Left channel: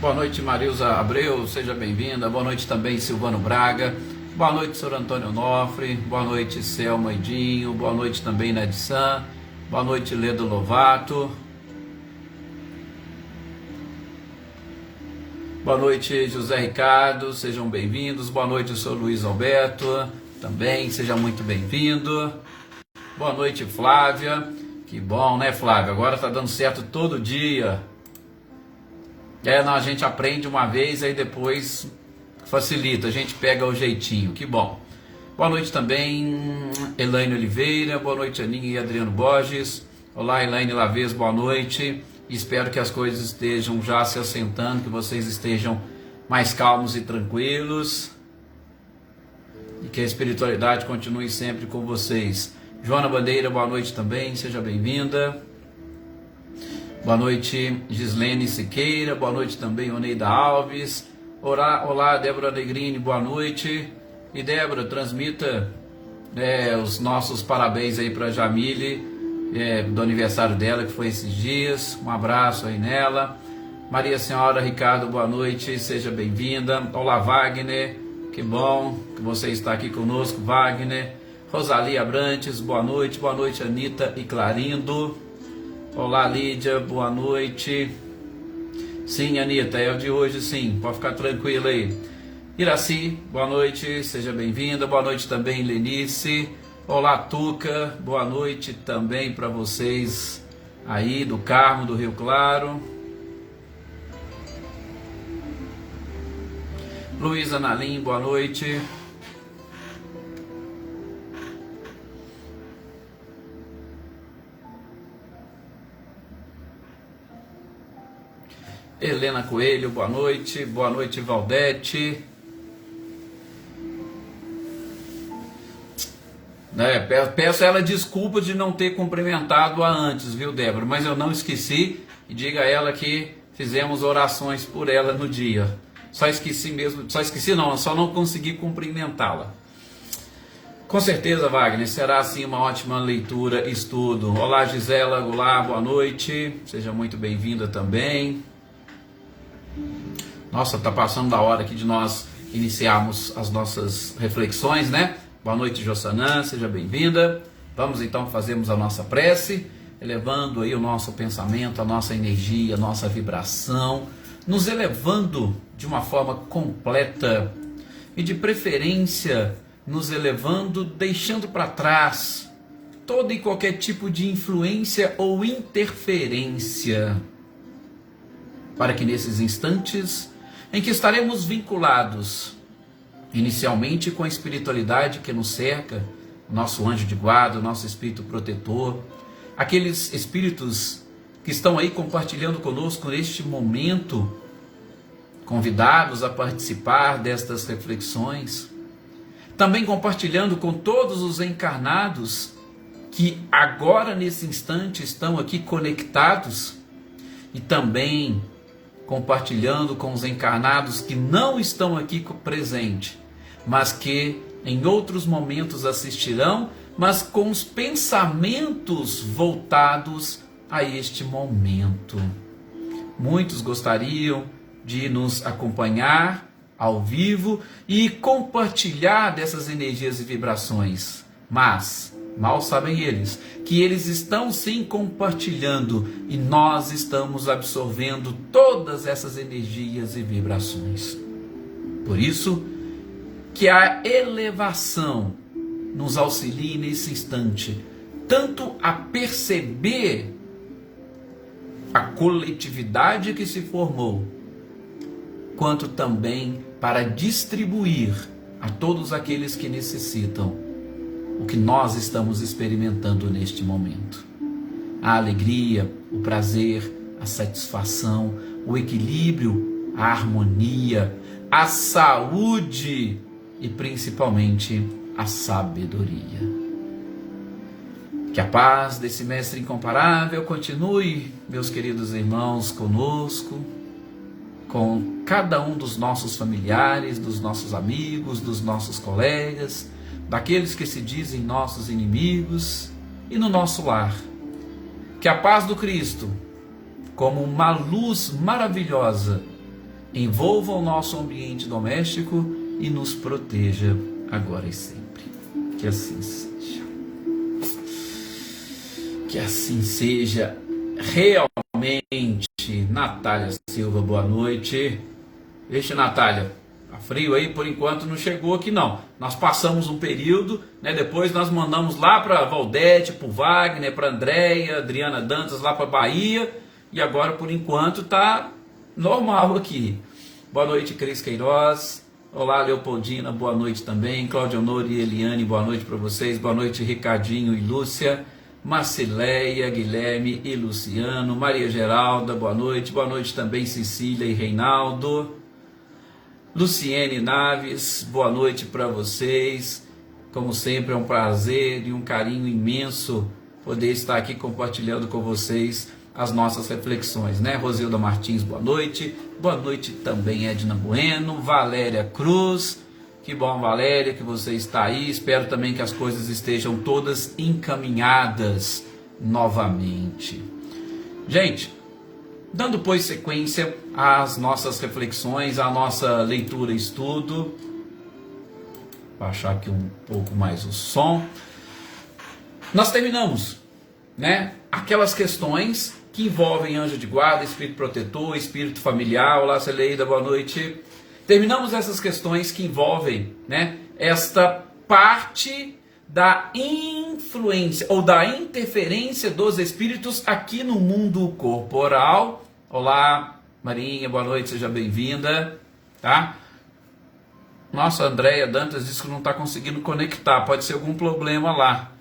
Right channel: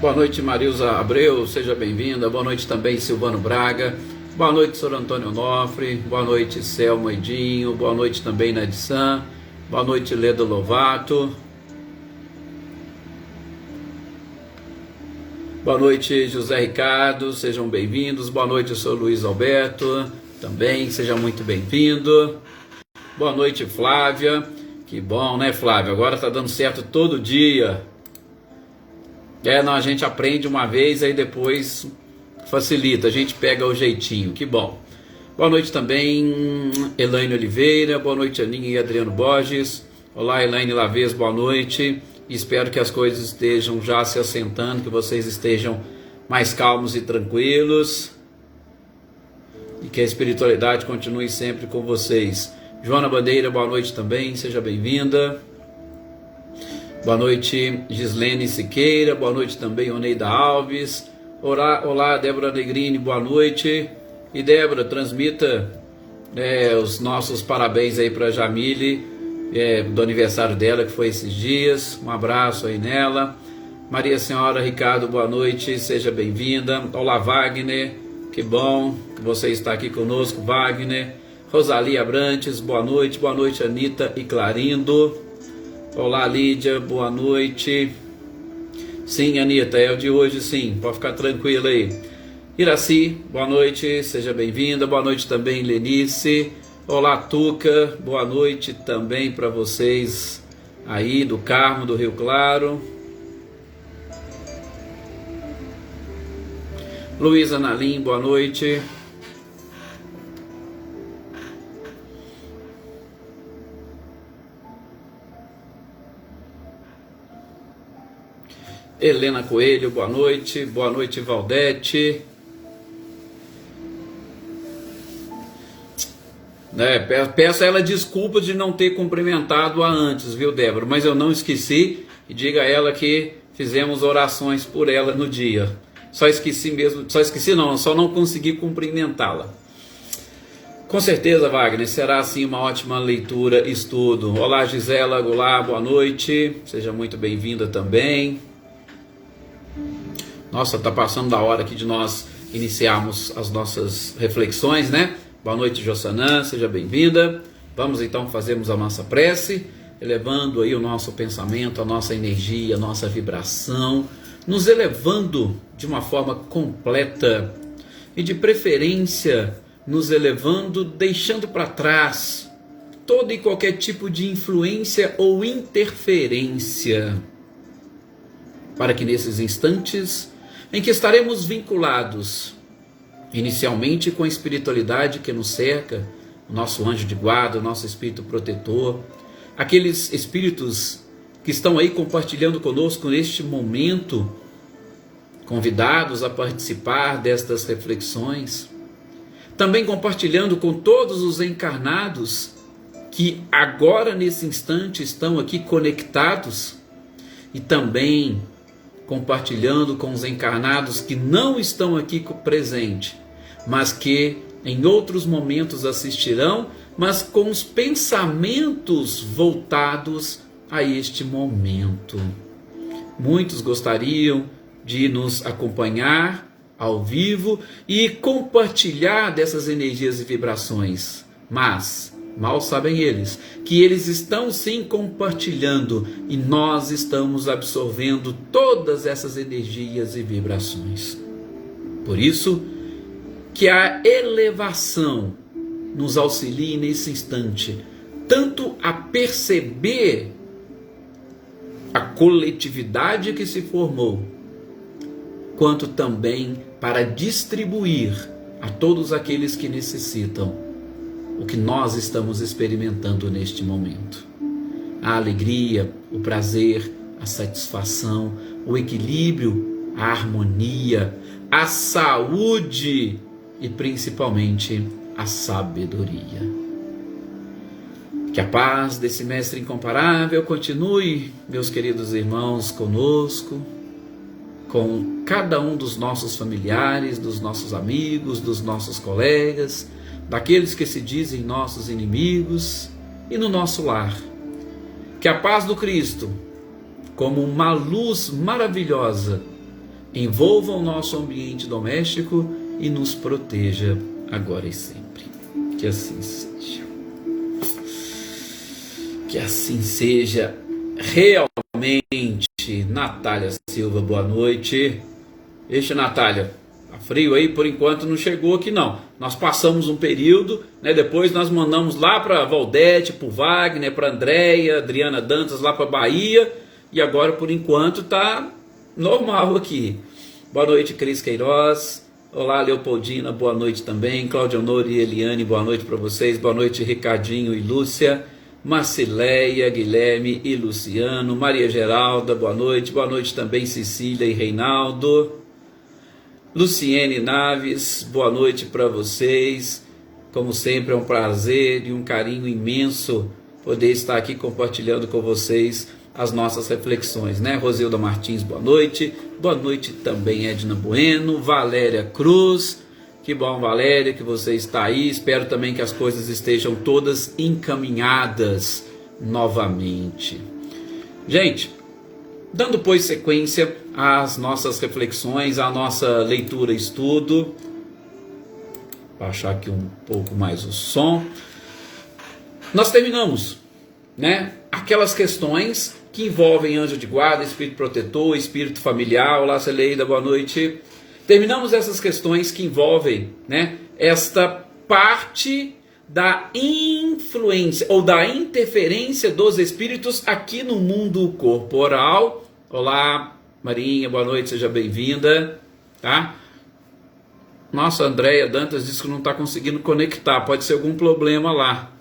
Boa noite, Marilza Abreu, seja bem-vinda. Boa noite também, Silvano Braga. Boa noite, Sr. Antônio Onofre. Boa noite, Selma Edinho. Boa noite também, Nadissan. Boa noite, Leda Lovato. Boa noite, José Ricardo, sejam bem-vindos. Boa noite, Sr. Luiz Alberto, também, seja muito bem-vindo. Boa noite, Flávia. Que bom, né, Flávia? Agora tá dando certo todo dia. Não, a gente aprende uma vez, aí depois facilita, a gente pega o jeitinho, que bom. Boa noite também, Elaine Oliveira, boa noite, Aninha e Adriano Borges. Olá, Elaine Lavez, boa noite. Espero que as coisas estejam já se assentando, que vocês estejam mais calmos e tranquilos. E que a espiritualidade continue sempre com vocês. Joana Bandeira, boa noite também, seja bem-vinda. Boa noite, Gislene Siqueira, boa noite também, Oneida Alves. Olá, Débora Negrini, boa noite. E Débora, transmita os nossos parabéns aí para Jamile, do aniversário dela, que foi esses dias. Um abraço aí nela. Maria Senhora Ricardo, boa noite, seja bem-vinda. Olá, Wagner, que bom que você está aqui conosco, Wagner. Rosalia Abrantes, boa noite, Anitta e Clarindo. Olá, Lídia, boa noite. Sim, Anitta, é o de hoje, sim, pode ficar tranquila aí. Iraci, boa noite, seja bem-vinda. Boa noite também, Lenice. Olá, Tuca, boa noite também para vocês aí do Carmo, do Rio Claro. Luísa Nalim, boa noite. Helena Coelho, boa noite. Boa noite, Valdete. Peço a ela desculpa de não ter cumprimentado-a antes, viu, Débora? Mas eu não esqueci, e diga a ela que fizemos orações por ela no dia. Só não consegui cumprimentá-la. Com certeza, Wagner, será assim uma ótima leitura e estudo. Olá, Gisela Goulart, boa noite. Seja muito bem-vinda também. Nossa, tá passando da hora aqui de nós iniciarmos as nossas reflexões, né? Boa noite, Jossanã, seja bem-vinda. Vamos então fazermos a nossa prece, elevando aí o nosso pensamento, a nossa energia, a nossa vibração, nos elevando de uma forma completa e de preferência nos elevando, deixando para trás todo e qualquer tipo de influência ou interferência, para que nesses instantes em que estaremos vinculados inicialmente com a espiritualidade que nos cerca, o nosso anjo de guarda, o nosso espírito protetor, aqueles espíritos que estão aí compartilhando conosco neste momento, convidados a participar destas reflexões, também compartilhando com todos os encarnados que agora nesse instante estão aqui conectados, e também compartilhando com os encarnados que não estão aqui presentes, mas que em outros momentos assistirão, mas com os pensamentos voltados a este momento. Muitos gostariam de nos acompanhar ao vivo e compartilhar dessas energias e vibrações, mas mal sabem eles que eles estão sim compartilhando e nós estamos absorvendo todas essas energias e vibrações. Por isso que a elevação nos auxilie nesse instante, tanto a perceber a coletividade que se formou, quanto também para distribuir a todos aqueles que necessitam o que nós estamos experimentando neste momento. A alegria, o prazer, a satisfação, o equilíbrio, a harmonia, a saúde e principalmente a sabedoria. Que a paz desse Mestre incomparável continue, meus queridos irmãos, conosco, com cada um dos nossos familiares, dos nossos amigos, dos nossos colegas, daqueles que se dizem nossos inimigos e no nosso lar. Que a paz do Cristo, como uma luz maravilhosa, envolva o nosso ambiente doméstico e nos proteja agora e sempre. Que assim seja. Que assim seja realmente. Natália Silva, boa noite. Vixe, Natália, tá frio aí? Por enquanto não chegou aqui não. Nós passamos um período, né? Depois nós mandamos lá para Valdete, para o Wagner, para Andréia, Adriana Dantas lá para Bahia. E agora por enquanto tá normal aqui. Boa noite, Cris Queiroz. Olá, Leopoldina, boa noite também. Cláudia Honor e Eliane, boa noite para vocês. Boa noite, Ricardinho e Lúcia. Marcileia, Guilherme e Luciano. Maria Geralda, boa noite. Boa noite também, Cecília e Reinaldo. Luciene Naves, boa noite para vocês. Como sempre, é um prazer e um carinho imenso poder estar aqui compartilhando com vocês as nossas reflexões, né? Rosilda Martins, boa noite. Boa noite também, Edna Bueno, Valéria Cruz. Que bom, Valéria, que você está aí. Espero também que as coisas estejam todas encaminhadas novamente. Gente, dando pois sequência às nossas reflexões, à nossa leitura e estudo. Baixar aqui um pouco mais o som. Nós terminamos, né? Aquelas questões que envolvem anjo de guarda, espírito protetor, espírito familiar. Olá, Celeida, boa noite. Terminamos essas questões que envolvem, né, esta parte da influência ou da interferência dos espíritos aqui no mundo corporal. Olá, Marinha, boa noite, seja bem-vinda, tá? Nossa, a Andréia Dantas disse que não está conseguindo conectar, pode ser algum problema lá.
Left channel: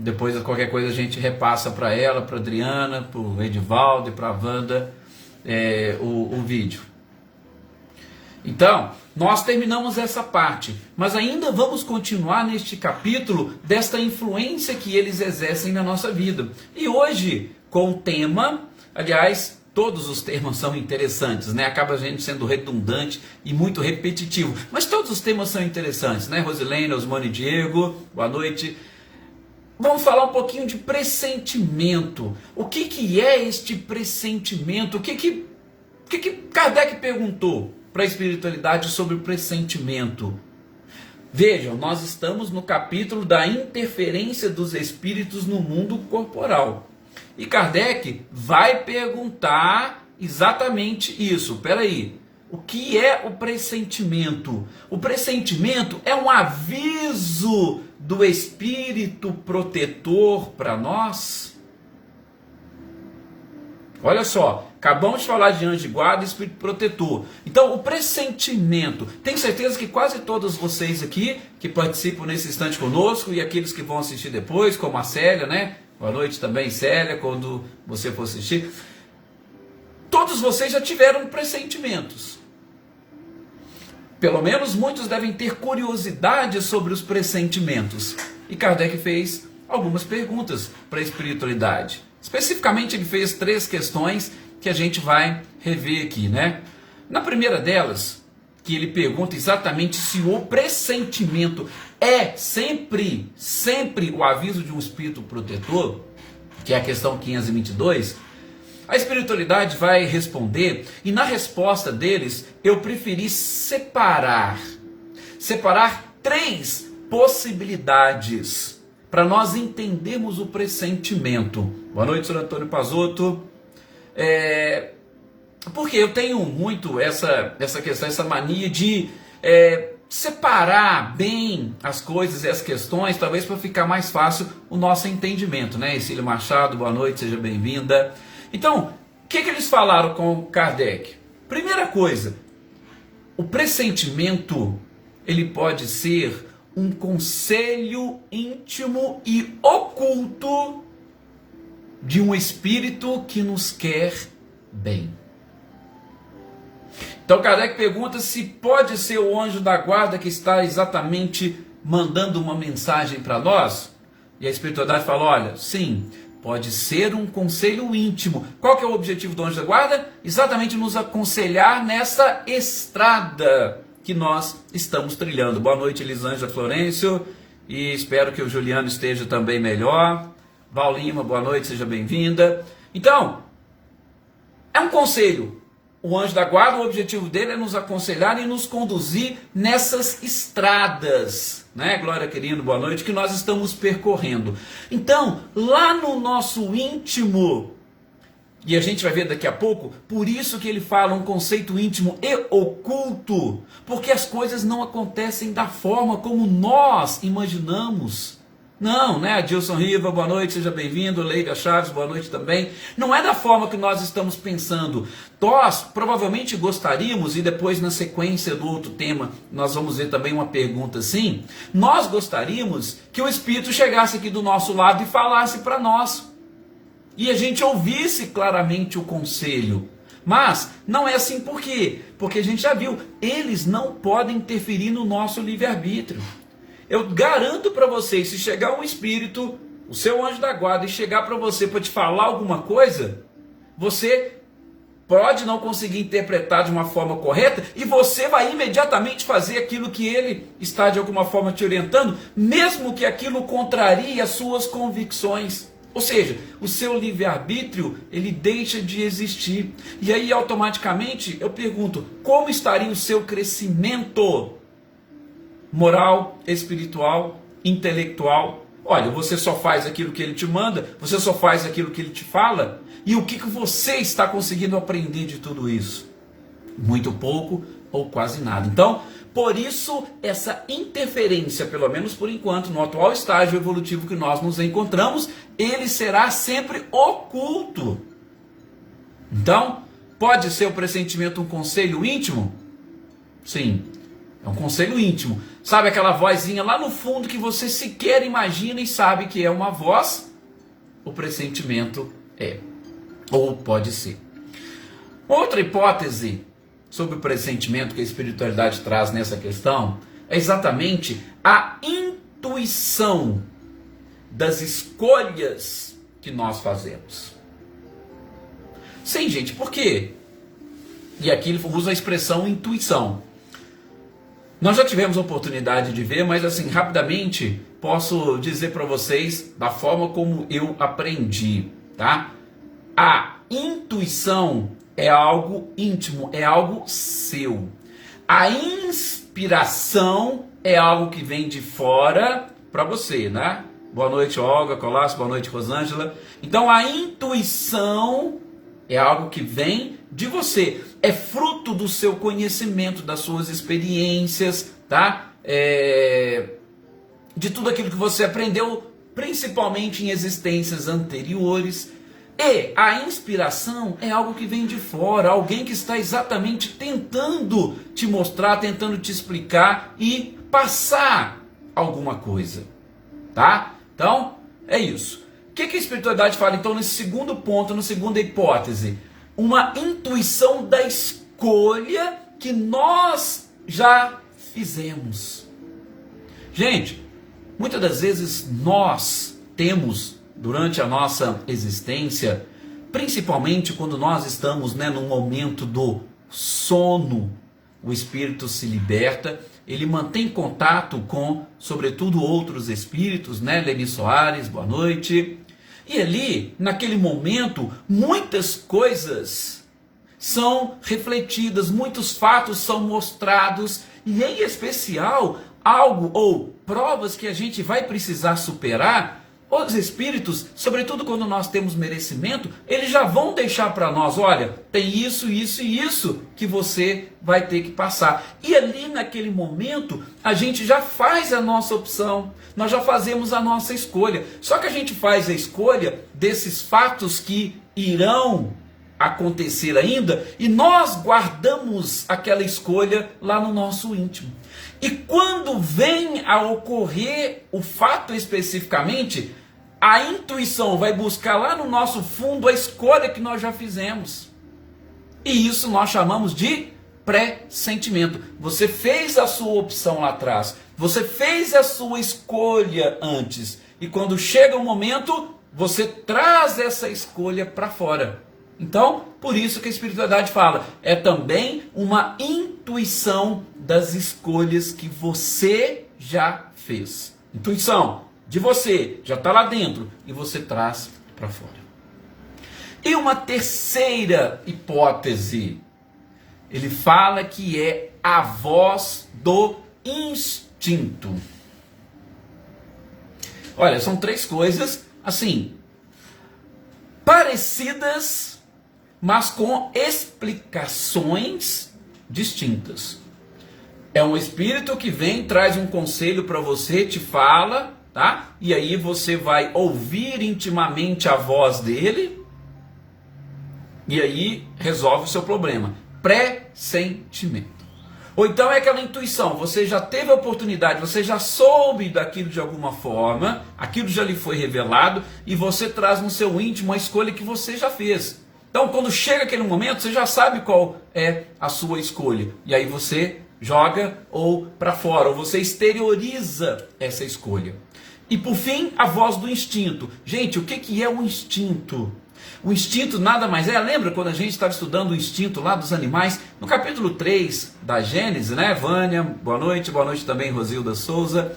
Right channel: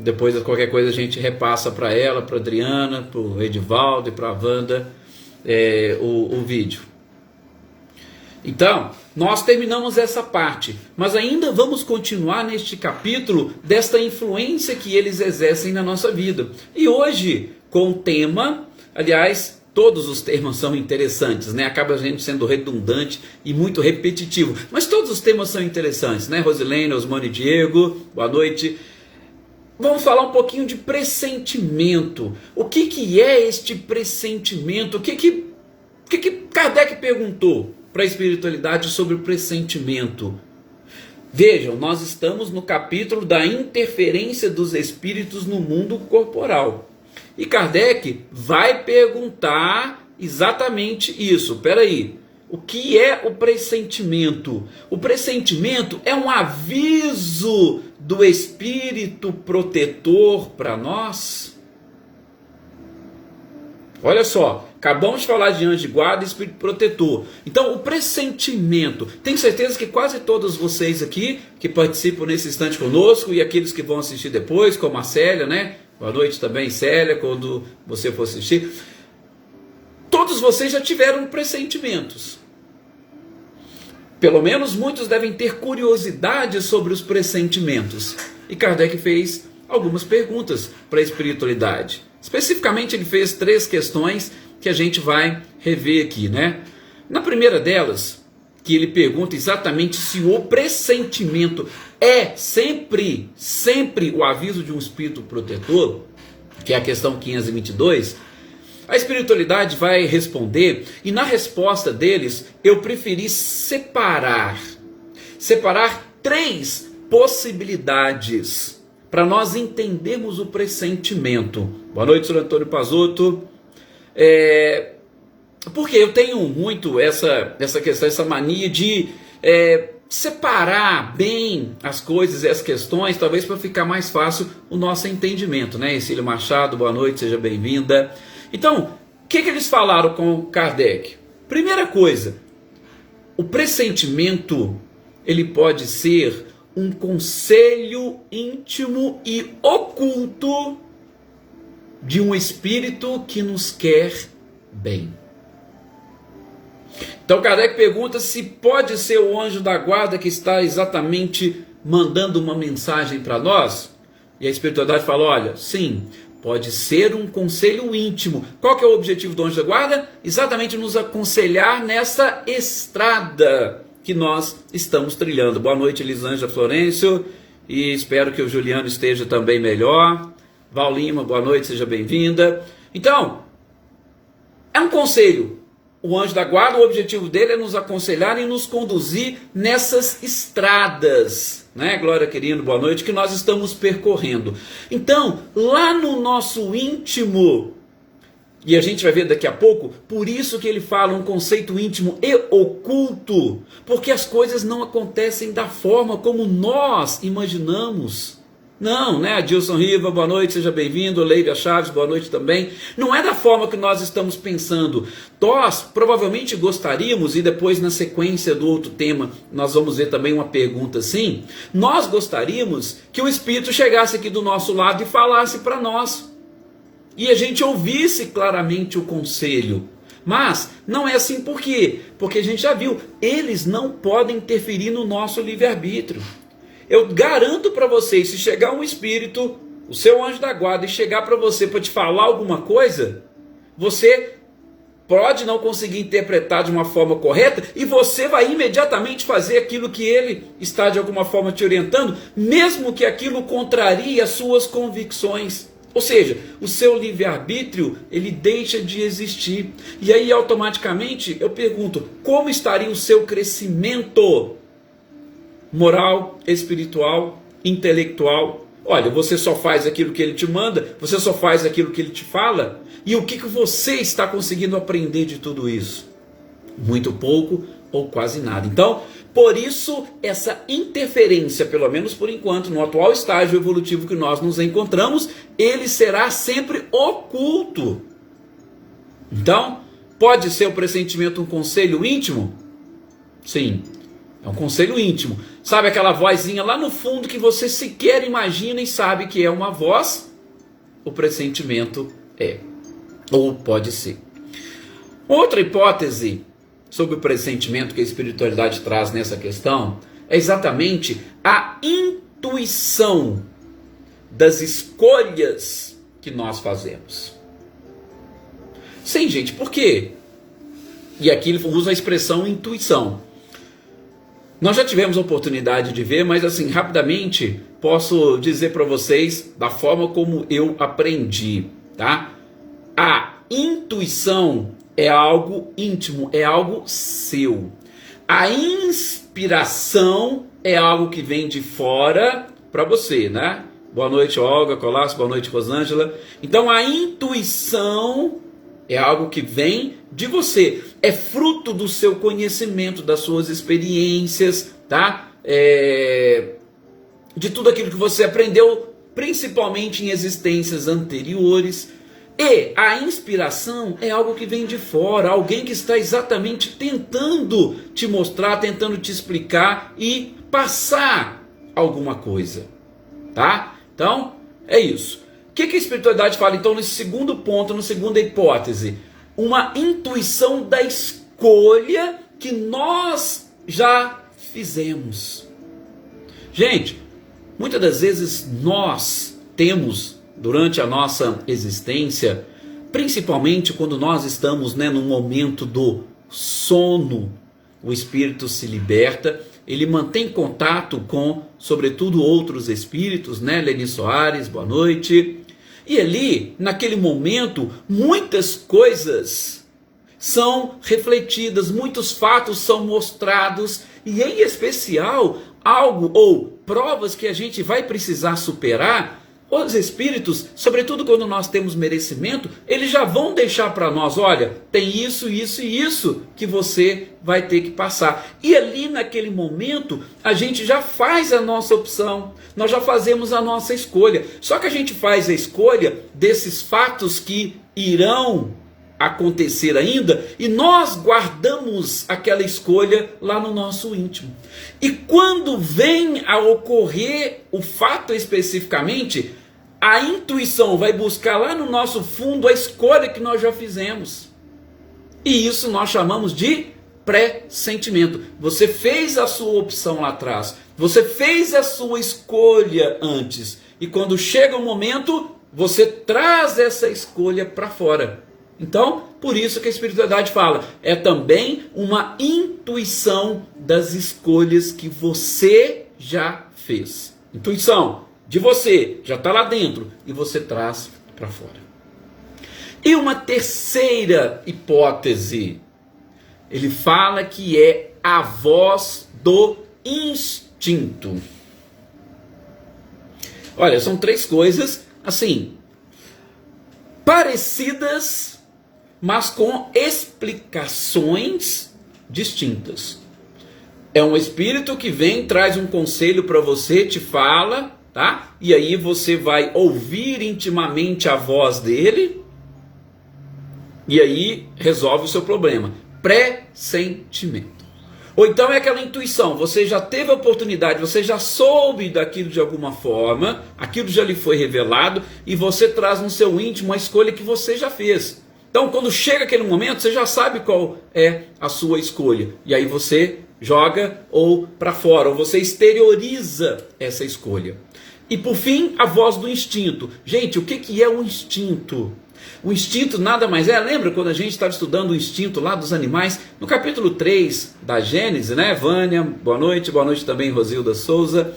Depois, qualquer coisa, a gente repassa para ela, para Adriana, para o Edivaldo e para a Wanda o vídeo. Então, nós terminamos essa parte, mas ainda vamos continuar neste capítulo desta influência que eles exercem na nossa vida. E hoje, com o tema, aliás, todos os temas são interessantes, né? Acaba a gente sendo redundante e muito repetitivo, mas todos os temas são interessantes, né? Rosilene, Osmane, Diego, boa noite. Vamos falar um pouquinho de pressentimento. O que é este pressentimento? O que Kardec perguntou para a espiritualidade sobre o pressentimento? Vejam, nós estamos no capítulo da interferência dos espíritos no mundo corporal. E Kardec vai perguntar exatamente isso. Espera aí. O que é o pressentimento? O pressentimento é um aviso do espírito protetor para nós? Olha só, acabamos de falar de anjo de guarda e espírito protetor. Então, o pressentimento, tenho certeza que quase todos vocês aqui que participam nesse instante conosco e aqueles que vão assistir depois, como a Célia, né? Boa noite também, Célia, quando você for assistir. Todos vocês já tiveram pressentimentos. Pelo menos muitos devem ter curiosidade sobre os pressentimentos. E Kardec fez algumas perguntas para a espiritualidade. Especificamente ele fez 3 questões que a gente vai rever aqui, né? Na primeira delas, que ele pergunta exatamente se o pressentimento é sempre o aviso de um espírito protetor, que é a questão 522, a espiritualidade vai responder, e na resposta deles, eu preferi separar 3 possibilidades para nós entendermos o pressentimento. Boa noite, senhor Antônio Pazotto. Porque eu tenho muito essa questão, essa mania de separar bem as coisas e as questões, talvez para ficar mais fácil o nosso entendimento, né? Cecília Machado, boa noite, seja bem-vinda. Então, o que eles falaram com Kardec? Primeira coisa, o pressentimento, ele pode ser um conselho íntimo e oculto de um espírito que nos quer bem. Então Kardec pergunta se pode ser o anjo da guarda que está exatamente mandando uma mensagem para nós. E a espiritualidade fala, olha, sim, pode ser um conselho íntimo. Qual que é o objetivo do anjo da guarda? Exatamente nos aconselhar nessa estrada que nós estamos trilhando. Boa noite, Elisângela Florencio, e espero que o Juliano esteja também melhor. Val Lima, boa noite, seja bem-vinda. Então, é um conselho, o anjo da guarda, o objetivo dele é nos aconselhar e nos conduzir nessas estradas, né? Glória, querido, boa noite, que nós estamos percorrendo. Então, lá no nosso íntimo, e a gente vai ver daqui a pouco, por isso que ele fala um conceito íntimo e oculto, porque as coisas não acontecem da forma como nós imaginamos. Não, né? Adilson Riva, boa noite, seja bem-vindo. Leila Chaves, boa noite também. Não é da forma que nós estamos pensando. Nós provavelmente gostaríamos, e depois na sequência do outro tema, nós vamos ver também uma pergunta assim. Nós gostaríamos que o Espírito chegasse aqui do nosso lado e falasse para nós. E a gente ouvisse claramente o conselho. Mas não é assim por quê? Porque a gente já viu, eles não podem interferir no nosso livre-arbítrio. Eu garanto para vocês, se chegar um espírito, o seu anjo da guarda, e chegar para você para te falar alguma coisa, você pode não conseguir interpretar de uma forma correta e você vai imediatamente fazer aquilo que ele está de alguma forma te orientando, mesmo que aquilo contrarie as suas convicções. Ou seja, o seu livre-arbítrio, ele deixa de existir. E aí automaticamente eu pergunto, como estaria o seu crescimento moral, espiritual, intelectual? Olha, você só faz aquilo que ele te manda, você só faz aquilo que ele te fala, e o que você está conseguindo aprender de tudo isso? Muito pouco ou quase nada. Então, por isso, essa interferência, pelo menos por enquanto, no atual estágio evolutivo que nós nos encontramos, ele será sempre oculto. Então, pode ser o pressentimento um conselho íntimo? Sim. É um conselho íntimo. Sabe aquela vozinha lá no fundo que você sequer imagina e sabe que é uma voz? O pressentimento é. Ou pode ser. Outra hipótese sobre o pressentimento que a espiritualidade traz nessa questão é exatamente a intuição das escolhas que nós fazemos. Sim, gente, por quê? E aqui ele usa a expressão intuição. Nós já tivemos a oportunidade de ver, mas assim, rapidamente, posso dizer para vocês da forma como eu aprendi, tá? A intuição é algo íntimo, é algo seu. A inspiração é algo que vem de fora para você, né? Boa noite, Olga Colasso, boa noite, Rosângela. Então, a intuição é algo que vem de você, é fruto do seu conhecimento, das suas experiências, tá? De tudo aquilo que você aprendeu, principalmente em existências anteriores. E a inspiração é algo que vem de fora, alguém que está exatamente tentando te mostrar, tentando te explicar e passar alguma coisa, tá? Então, é isso. O que a espiritualidade fala, então, nesse segundo ponto, na segunda hipótese? Uma intuição da escolha que nós já fizemos. Gente, muitas das vezes nós temos, durante a nossa existência, principalmente quando nós estamos, num momento do sono, o espírito se liberta, ele mantém contato com, sobretudo, outros espíritos, Leni Soares, boa noite. E ali, naquele momento, muitas coisas são refletidas, muitos fatos são mostrados, e em especial, algo ou provas que a gente vai precisar superar. Os espíritos, sobretudo quando nós temos merecimento, eles já vão deixar para nós, olha, tem isso, isso e isso que você vai ter que passar. E ali naquele momento, a gente já faz a nossa opção, nós já fazemos a nossa escolha. Só que a gente faz a escolha desses fatos que irão acontecer ainda, e nós guardamos aquela escolha lá no nosso íntimo. E quando vem a ocorrer o fato especificamente, a intuição vai buscar lá no nosso fundo a escolha que nós já fizemos. E isso nós chamamos de pressentimento. Você fez a sua opção lá atrás, você fez a sua escolha antes, e quando chega o momento, você traz essa escolha para fora. Então, por isso que a espiritualidade fala, é também uma intuição das escolhas que você já fez. Intuição de você, já está lá dentro, e você traz para fora. E uma terceira hipótese, Ele fala que é a voz do instinto. Olha, são três coisas, assim, parecidas, mas com explicações distintas. É um espírito que vem, traz um conselho para você, te fala, tá? E aí você vai ouvir intimamente a voz dele, e aí resolve o seu problema. Pressentimento. Ou então é aquela intuição, você já teve a oportunidade, você já soube daquilo de alguma forma, aquilo já lhe foi revelado, e você traz no seu íntimo a escolha que você já fez. Então, quando chega aquele momento, você já sabe qual é a sua escolha. E aí você joga ou para fora, ou você exterioriza essa escolha. E por fim, a voz do instinto. Gente, o que é o instinto? O instinto nada mais é, lembra quando a gente estava estudando o instinto lá dos animais? No capítulo 3 da Gênesis, né? Vânia, boa noite também Rosilda Souza.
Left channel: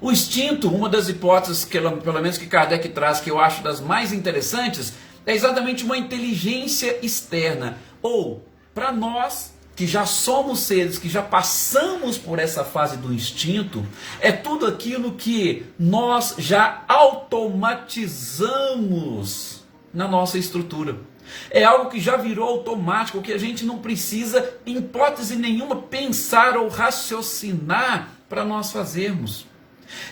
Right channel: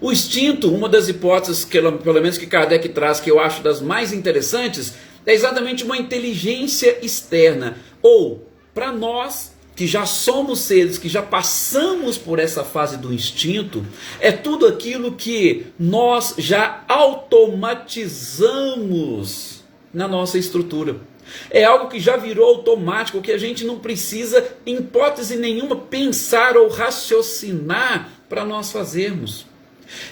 O instinto, uma das hipóteses, que, pelo menos que Kardec traz, que eu acho das mais interessantes, é exatamente uma inteligência externa. Ou, para nós, que já somos seres, que já passamos por essa fase do instinto, é tudo aquilo que nós já automatizamos na nossa estrutura. É algo que já virou automático, que a gente não precisa, em hipótese nenhuma, pensar ou raciocinar para nós fazermos.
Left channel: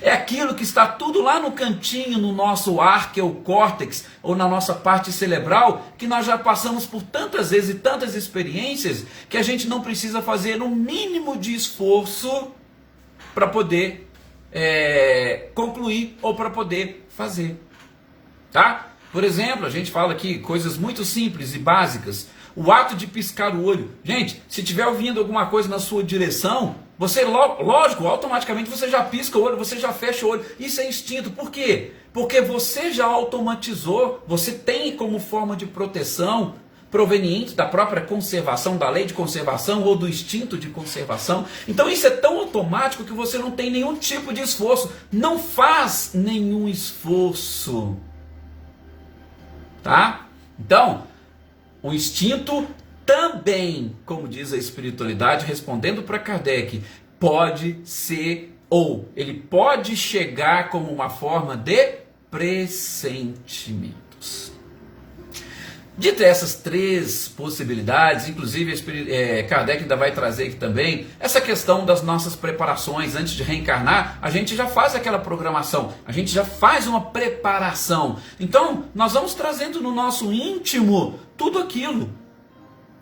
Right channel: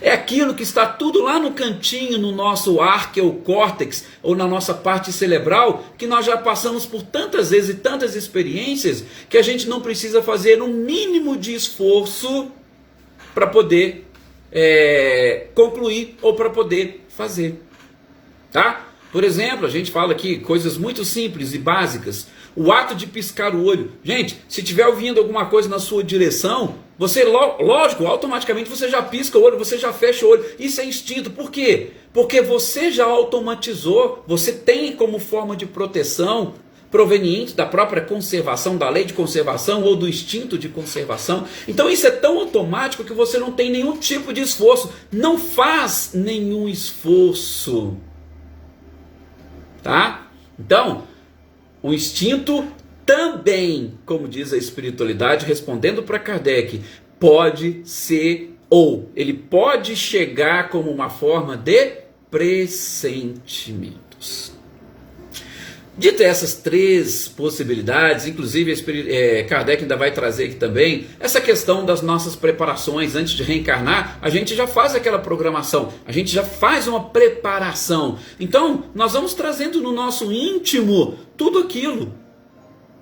É aquilo que está tudo lá no cantinho, no nosso arqueocórtex, ou na nossa parte cerebral, que nós já passamos por tantas vezes e tantas experiências, que a gente não precisa fazer um mínimo de esforço para poder concluir ou para poder fazer. Tá? Por exemplo, a gente fala aqui coisas muito simples e básicas. O ato de piscar o olho. Gente, se estiver ouvindo alguma coisa na sua direção, você, lógico, automaticamente você já pisca o olho, você já fecha o olho. Isso é instinto. Por quê? Porque você já automatizou, você tem como forma de proteção proveniente da própria conservação, da lei de conservação ou do instinto de conservação. Então isso é tão automático que você não tem nenhum tipo de esforço. Não faz nenhum esforço. Tá? Então, o instinto também, como diz a espiritualidade, respondendo para Kardec, pode ser, ou ele pode chegar como uma forma de pressentimentos. Dito essas três possibilidades, inclusive Kardec ainda vai trazer aqui também essa questão das nossas preparações. Antes de reencarnar, a gente já faz aquela programação, a gente já faz uma preparação. Então, nós vamos trazendo no nosso íntimo tudo aquilo,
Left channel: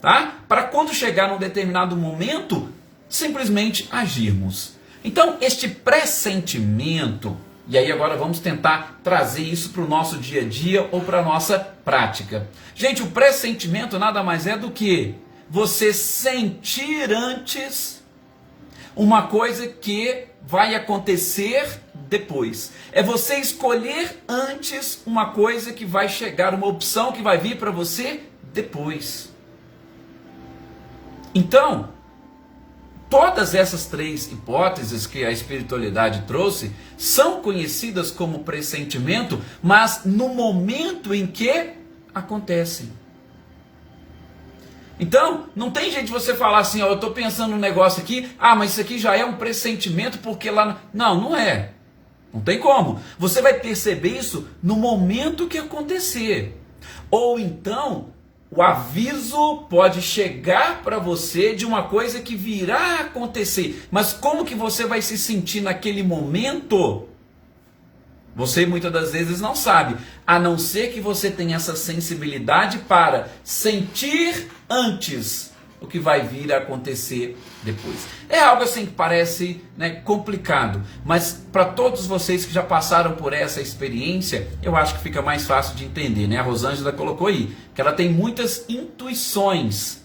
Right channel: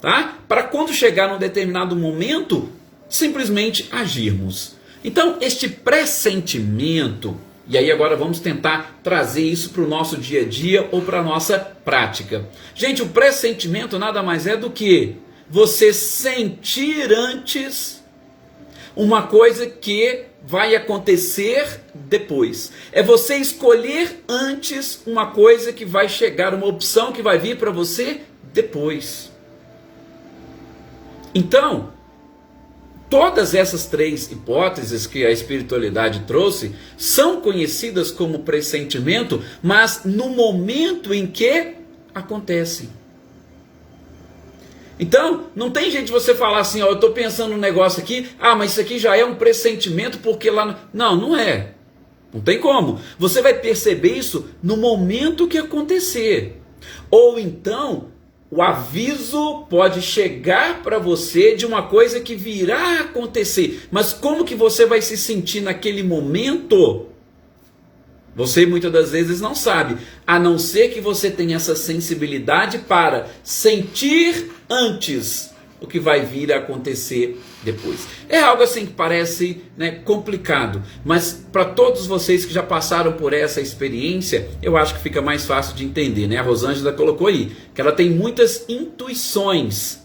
tá? Para quando chegar num determinado momento, simplesmente agirmos. Então, este pressentimento, e aí agora vamos tentar trazer isso para o nosso dia a dia ou para a nossa prática. Gente, o pressentimento nada mais é do que você sentir antes uma coisa que vai acontecer depois. É você escolher antes uma coisa que vai chegar, uma opção que vai vir para você depois. Então, todas essas três hipóteses que a espiritualidade trouxe são conhecidas como pressentimento, mas no momento em que acontecem. Então, não tem jeito de você falar assim, ó, eu estou pensando um negócio aqui, mas isso aqui já é um pressentimento porque lá... Não, não é. Não tem como. Você vai perceber isso no momento que acontecer. Ou então, o aviso pode chegar para você de uma coisa que virá a acontecer. Mas como que você vai se sentir naquele momento? Você muitas das vezes não sabe. A não ser que você tenha essa sensibilidade para sentir antes o que vai vir a acontecer depois. É algo assim que parece, complicado, mas para todos vocês que já passaram por essa experiência, eu acho que fica mais fácil de entender, A Rosângela colocou aí que ela tem muitas intuições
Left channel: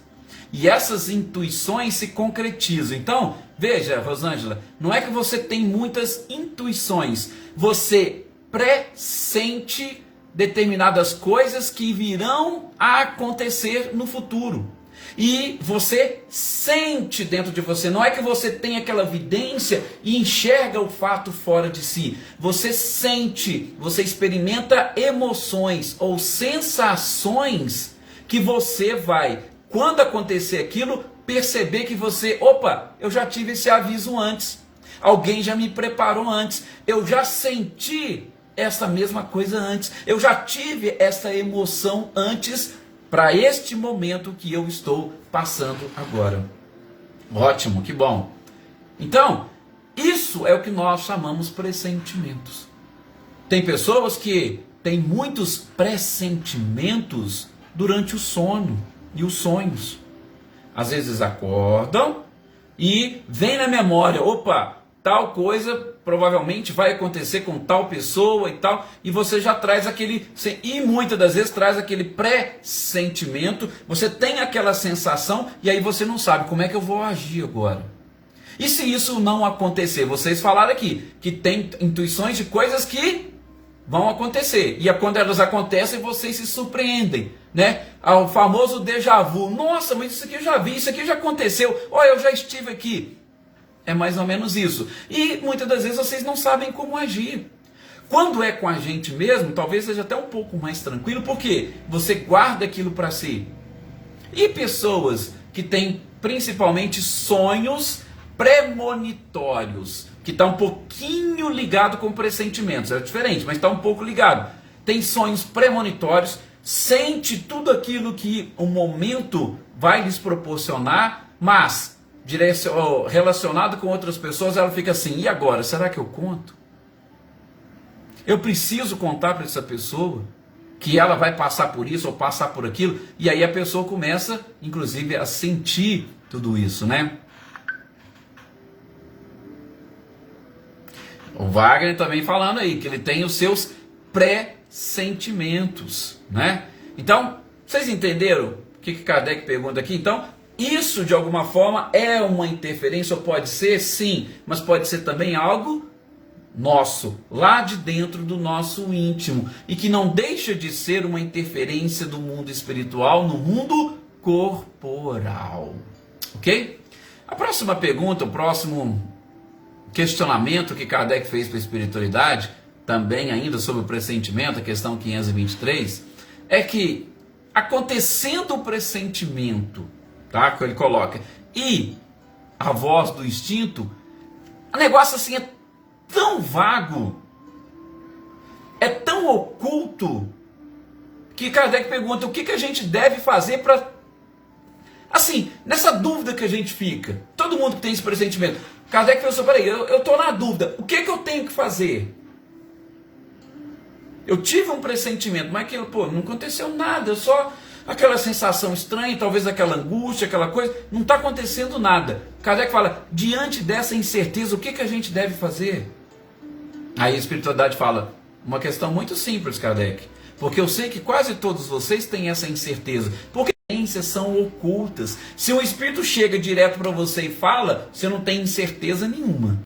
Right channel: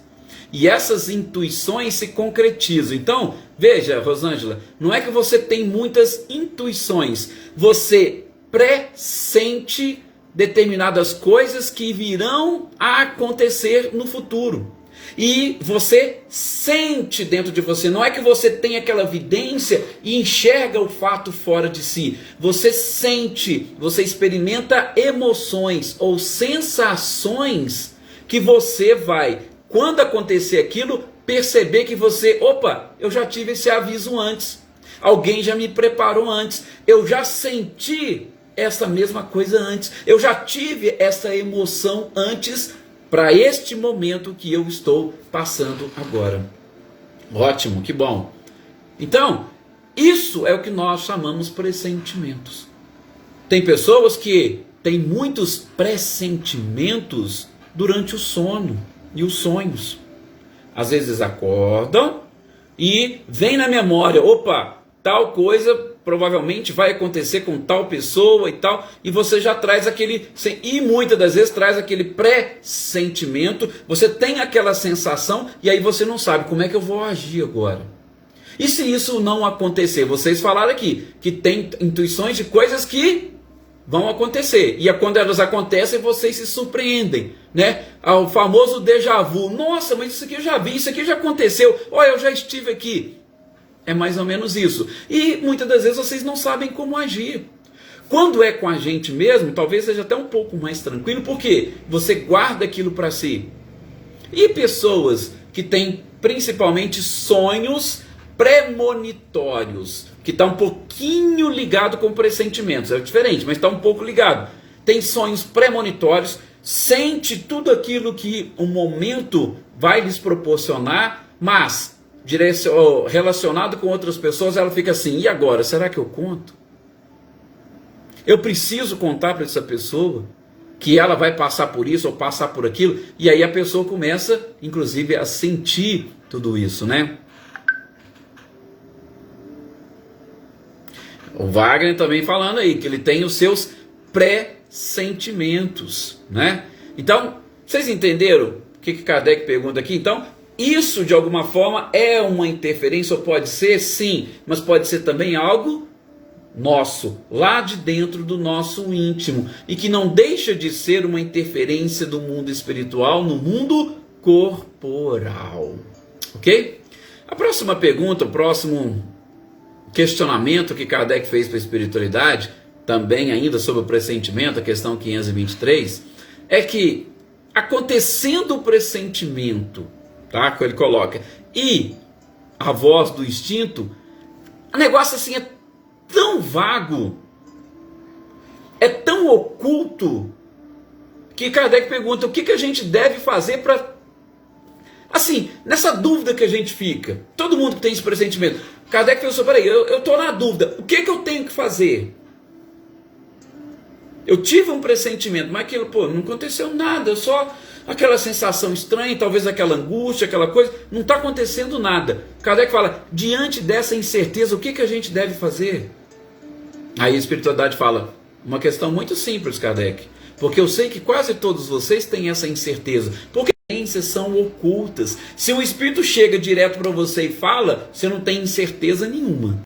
e essas intuições se concretizam. Então, veja, Rosângela, não é que você tem muitas intuições, você pressente determinadas coisas que virão a acontecer no futuro. E você sente dentro de você, não é que você tem aquela evidência e enxerga o fato fora de si. Você sente, você experimenta emoções ou sensações que você vai quando acontecer aquilo, perceber que você, opa, eu já tive esse aviso antes, alguém já me preparou antes, eu já senti essa mesma coisa antes, eu já tive essa emoção antes para este momento que eu estou passando agora. Ótimo, que bom. Então, isso é o que nós chamamos pressentimentos. Tem pessoas que têm muitos pressentimentos durante o sono e os sonhos. Às vezes acordam e vem na memória, opa, tal coisa provavelmente vai acontecer com tal pessoa e tal, e você já traz aquele, e muitas das vezes traz aquele pressentimento, você tem aquela sensação, e aí você não sabe como é que eu vou agir agora. E se isso não acontecer? Vocês falaram aqui que tem intuições de coisas que vão acontecer, e quando elas acontecem, vocês se surpreendem, né? O famoso déjà vu. Nossa, mas isso aqui eu já vi, isso aqui já aconteceu, olha, eu já estive aqui. É mais ou menos isso. E muitas das vezes vocês não sabem como agir. Quando é com a gente mesmo, talvez seja até um pouco mais tranquilo, porque você guarda aquilo para si. E pessoas que têm principalmente sonhos premonitórios, que está um pouquinho ligado com pressentimentos, é diferente, mas está um pouco ligado. Tem sonhos premonitórios, sente tudo aquilo que o momento vai lhes proporcionar, mas relacionado com outras pessoas, ela fica assim, e agora? Será que eu conto? Eu preciso contar para essa pessoa que ela vai passar por isso ou passar por aquilo? E aí a pessoa começa, inclusive, a sentir tudo isso, né? O Wagner também falando aí, que ele tem os seus pré-sentimentos, né? Então, vocês entenderam o que Kardec pergunta aqui? Então, isso de alguma forma é uma interferência, ou pode ser, sim, mas pode ser também algo nosso, lá de dentro do nosso íntimo, e que não deixa de ser uma interferência do mundo espiritual no mundo corporal, ok? A próxima pergunta, o próximo questionamento que Kardec fez para a espiritualidade, também ainda sobre o pressentimento, a questão 523, é que acontecendo o pressentimento, tá, que ele coloca, e a voz do instinto, o negócio assim é tão vago, é tão oculto, que Kardec pergunta o que a gente deve fazer para, assim, nessa dúvida que a gente fica, todo mundo que tem esse pressentimento, Kardec falou assim, peraí, eu estou na dúvida, o que eu tenho que fazer? Eu tive um pressentimento, mas aquilo, não aconteceu nada, só aquela sensação estranha, talvez aquela angústia, aquela coisa, não está acontecendo nada. Kardec fala, diante dessa incerteza, o que a gente deve fazer? Aí a espiritualidade fala, uma questão muito simples, Kardec, porque eu sei que quase todos vocês têm essa incerteza, porque as incertezas são ocultas. Se um espírito chega direto para você e fala, você não tem incerteza nenhuma.